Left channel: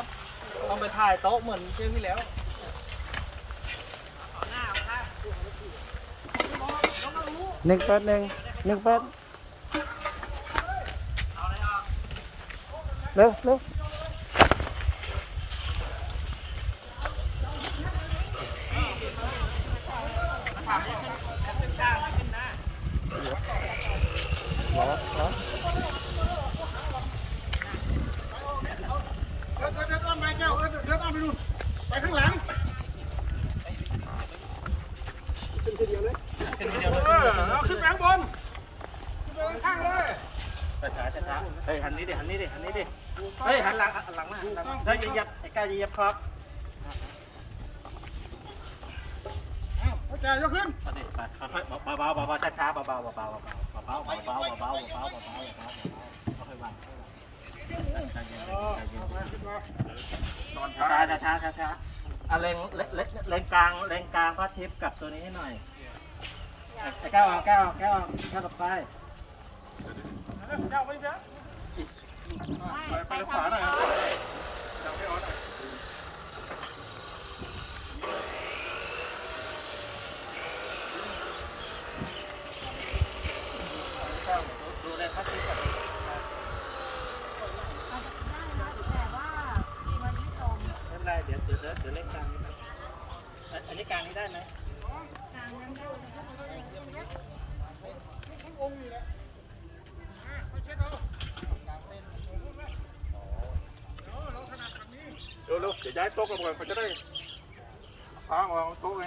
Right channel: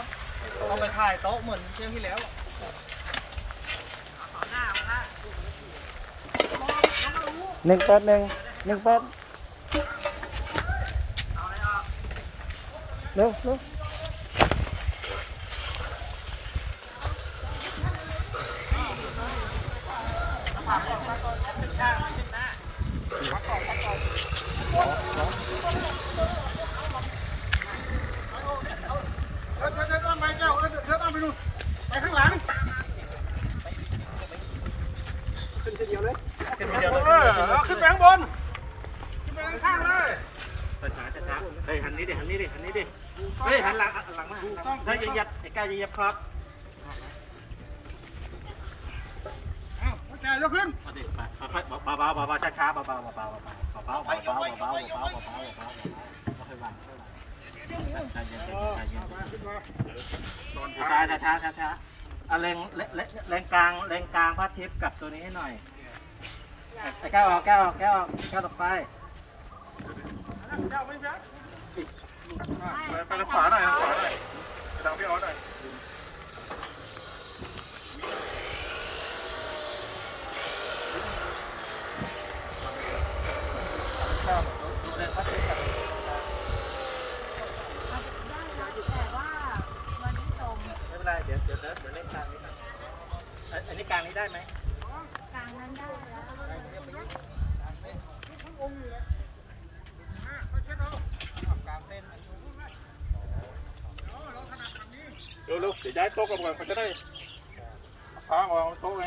ครับต้องไปถ่ายโต๊ะเหมือนเที่ยวที่แล้วหนึ่งแปดหนึ่งหนึ่งแปดเร็วเร็วเดินเดินเดินอ้อมไปแก้วเดินเดินอ้อมไปนู่นไปข้างหลัง ขึ้น ทีเดียวเลยขึ้นทีเดียวเลยเอขึ้นอทีเดียวเลยเอาขึ้นไปข้างบนขึ้นไปข้างๆเลยช้าช้าช้าเฮ้ยหันนี้ดิหันนี้ดิหันนี้ดิเฮ้ยหันหลังหันหลังมาหันหลังเฮ้ยอย่าเหยับไอ้ก้าวอย่าเหยับครับอ้าวพระเจ้ายกขึ้นเอาดิไปค่อยๆเบาๆเบาๆช้าๆเบาๆเบาๆเบาๆเบาๆเบาๆเบาๆเบาๆเบาๆเบาๆเบาๆเบาๆเบาๆเบาๆเบาๆค่อยๆวางค่อยๆวางใจเย็นเออใจเย็นเอาไปขึ้นมาตอนช้าช้าช้าช้าช้าเอาเลงเลเลเลงกลางเลงกลางพระทิพย์กับตัวนี้ให้หน่อยไอ้แก้วเอาแก้วเอาแก้วเอาแก้วต่อไปไปแล้วไปไปทางขวาหน่อยทางขวาหน่อยไปทางพี่ออสหน่อย ดูดูเลงพระทิพย์กับตรงกลาง อาจจะได้นะแต่ว่ามันไม่ตรง ไม่ เป็นไรเดี๋ยวเดี๋ยวเดี๋ยวเดี๋ยวเลงกลางนี้ก่อนเอ้ยอันนี้กลางนี้ได้ไหมกลางนั้นได้แล้วเร็วๆเดี๋ยวย้ายโต๊ะกันก่อนเขาจะได้พางออกโต๊ะไง